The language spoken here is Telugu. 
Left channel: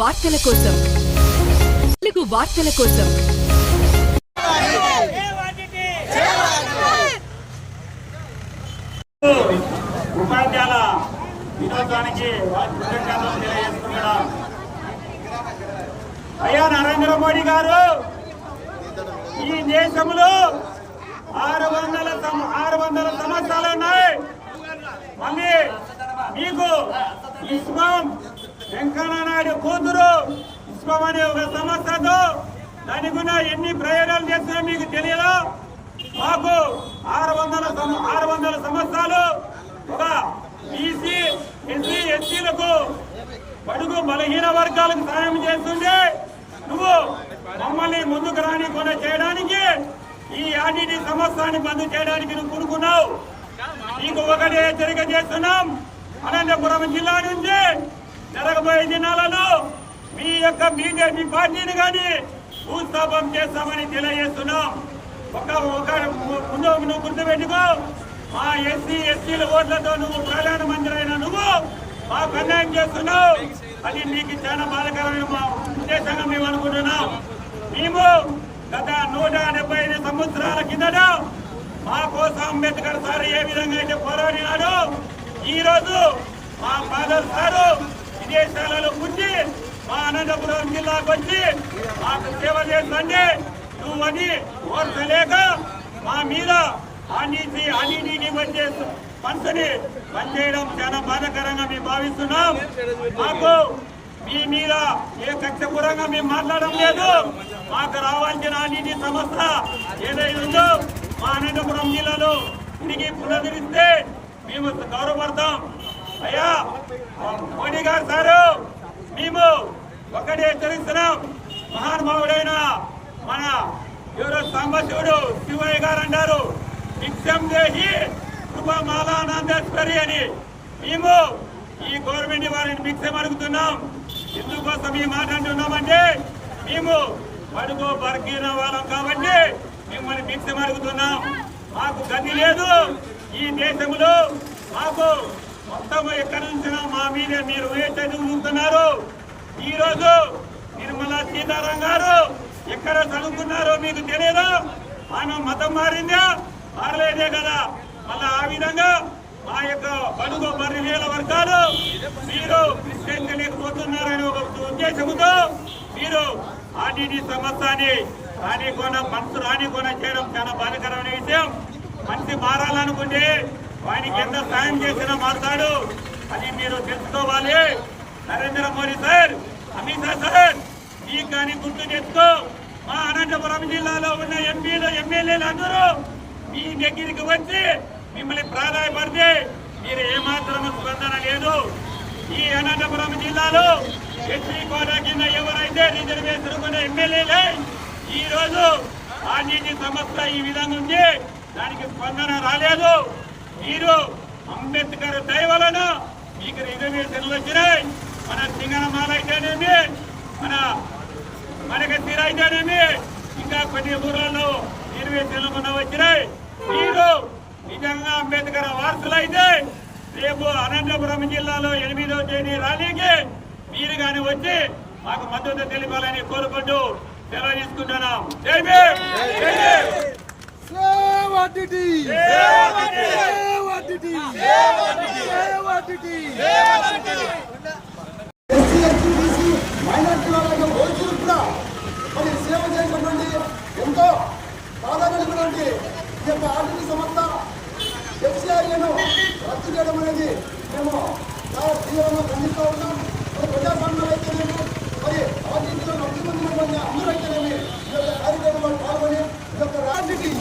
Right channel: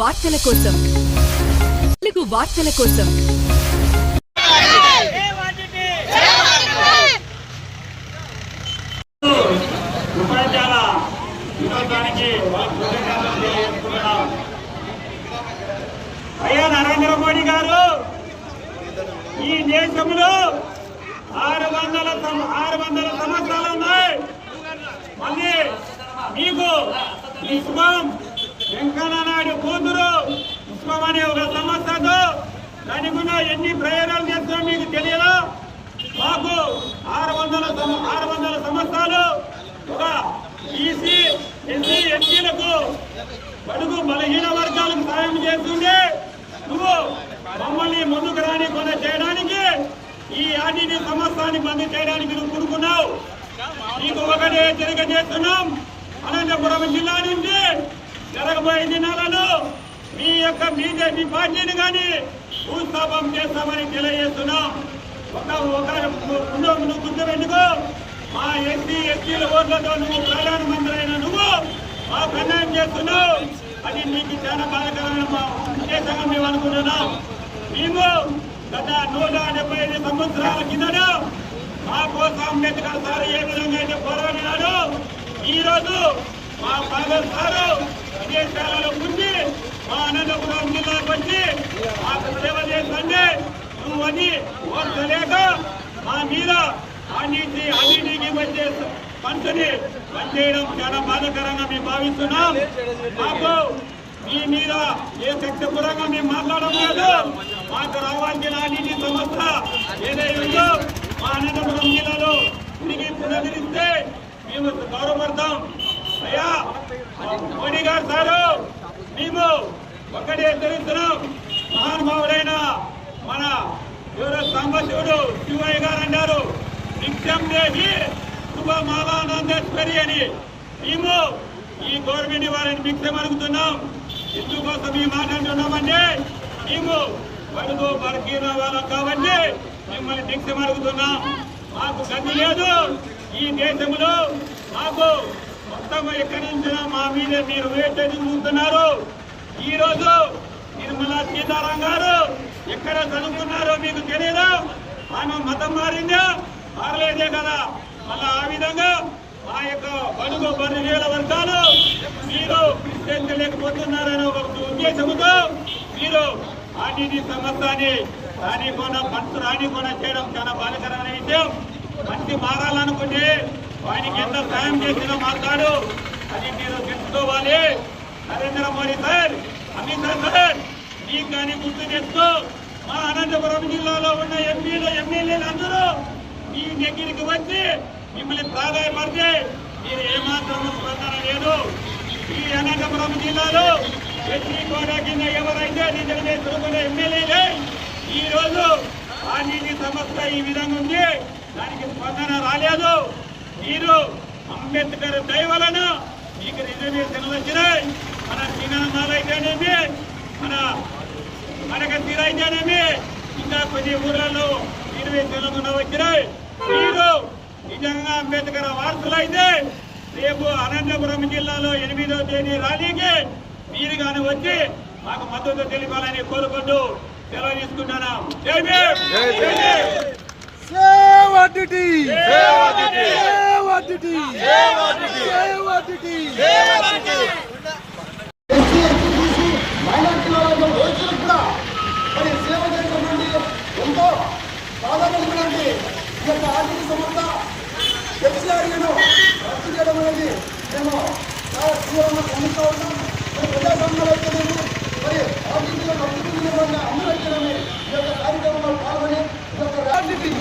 వార్తల కోసం. తెలుగు వార్తల కోసం. ఉపాధ్యాయుల కృతజ్ఞతలు తెలియజేస్తున్నాం అయ్యా నరేంద్ర మోడీ గారు ఈ దేశంలో ఆరు వందల ఆరు వందల సంవత్సరాలు ఉన్నాయి. మళ్ళీ మీకు విశ్వం వెంకయ్య నాయుడు కూతురు పుష్పం అనే ఒక సంస్థతో దానికి ఎన్ని ప్రయోగాలు చేస్తున్నా మీకు తెలియదా? మాకు ఆరు వందల ఆరు వందల సంవత్సరాలు ఒక బీసీ ఎస్సీ ఎస్టీలకు బడుగు బలహీన వర్గాలకు సాయం చేస్తుండే నువ్వు మమ్మల్ని ముందుకు రానికుండా చేయడానికి ఈ ఆర్టీటీ సంవత్సరాన్ని బంద్ చేయడానికి నువ్వు కూడుకున్నావు. నీకు ఒకటే హెచ్చరిక చేస్తున్నాం. అనంతపురం జిల్లా నుంచి జరగబోయే దినాలలో మీ యొక్క మీ పార్టీని కానీ భూస్థాపం చేస్తామని తెలియజేస్తున్నాం. ఒక ఒక ముందు నువ్వు గుర్తుపెట్టుకో మా ఎస్సీ ఎస్టీల ఓట్లతో నువ్వు ప్రధానమంత్రి అయిన నువ్వు మా అన్యాయం చేస్తున్నావు. అది నీకు చాలా బాధకరమైన మా ఉద్దేశంగా మేము అనుకుంటున్నాం. మేము గత నూట డెబ్బై ఐదు సంవత్సరాల కిందట మా కోసం అంబేద్కర్ సార్ ఏ విధంగా అయితే పోరాడినాడు ఈరోజు మా ఫాదర్ సారు విదేశాలలో పుట్టి మా అనంతపురం జిల్లాకు వచ్చి మాకు సేవ చేస్తుంటే నువ్వు అది ఓర్చలేక మా మీద అన్నిటి అన్నిటికి వచ్చే పంచని పనిచేయడం చాలా బాధాకరంగా మేము భావిస్తున్నాం. మాకు మీ మీద ఏ కక్షపూరంగా మేము మాట్లాడడం లేదు. మాకు రావాల్సిన అన్నిటి సంస్థ ఏదైతే ఉందో మా అనంతపురం జిల్లాలో తిరిగి పునరుద్ధరిస్తే మేము గౌరవపడతాం అయ్యా! మోడీ గారు సారు మేము ఒక్కటే తెలుస్తున్నాం. మహానుభావుడైన మన ఎవరో సాంబశివుడు శివయ్య గారు అంటారు నిత్యం దేహి శుభమాలానందేశ్వరి అని. మేము ఈ గవర్నమెంట్ వారిని భిక్షం అడుగుతున్నాం. ఎందుకోసం ఈ మాట అంటున్నామంటే మేము బడుగు బర్గీన వాళ్ళం కాబట్టి మిమ్మల్ని భిక్షం అడుగుతున్నాం. మాకు గతి లేదు. ఈ దేశంలో మాకు మొత్తం ఎక్కడి నుంచి మా మీదే మీరు వేటది చూస్తున్నారు ఈరోజు నిర్మలా సీతారాం గారు ఎక్కడ చదువుకున్నారో మీకు తెలియదా ఆమె మతం మారిందా? మారలేదే కదా? మళ్ళా ఆ విధంగా మా యొక్క బడుగు బర్రెల వర్గాలు మీరు ప్రశ్నించలేకపోతున్నారనే ఒక ఉద్దేశంతో మీరు ఆర్టీటీ సంస్థని రానికోన మనసు రానికోన చేయడం చాలా బాధకరమైన విషయం. మంచి మారాలనుకుంటే వారికి ఎంత సాయం చేసినా మాట్లాడు అది మీరు తెలుసుకోవాలి. నరేంద్ర మోడీ సార్ అమిత్ షా సార్ మీకు కానీ గుర్తు తెస్తూ మా అనంతపురం జిల్లాలో ఉన్న ఎంపీలు ఎమ్మెల్యేలు అందరూ మీ దగ్గరికి వచ్చి మిమ్మల్ని ప్రాధాయపడితే మీరు ఏమాత్రం స్పందన లేదు. ఈ అనంతపురం జిల్లాలో ఎస్సీ కోటా కింద ఎవరైతే రిజర్వేషన్ కూడా ఎమ్మెల్యేలే ఈ రోజు ఆ నీటి సమస్య ఈ విధంగా ఉంది. దానికి స్పందన రాలేదు. మీరు అంబేద్కర్ దయవలన మీకు రిజర్వేషన్లు వచ్చినాయి. మన సింగనమాల అయితేనేమి మన మనకి అయితేనేమి ఇంకా కొన్ని ఊర్లలో రిజర్వేషన్లు మన వచ్చినాయి. మీరు నిజంగా అంబేద్కర్ వారసులు అయితే రేపు అనంతపురం జిల్లాలో ఎనిమిదో తేదీ ర్యాలీకి మీరు కానీ వచ్చి మాకు మద్దతు తెలిపాలని కోరుకుంటూ సెలవు తీసుకుంటున్నాం. ఎస్టీ, బీసీ, మైనార్టీల వాళ్ళ ఓట్లకు కూడా మరి సేవ చేసినటువంటి ఎంతో కలిగినటువంటి ఈ యొక్క ఆర్థిక సంస్థ ఎస్సీఆర్ఏను రద్దు చేయడం అనేది మేము చాలా తీవ్రంగా ఖండిస్తూ ఉన్నాం మరి ప్రజాస్వామ్యంలో అయితేనేమో మరి ఆర్థికంగా అభివృద్ధి విధంగా అందరూ అయితేనేమి ఈ యొక్క కార్యక్రమంలో పాల్గొని ఈ యొక్క రాజకీయ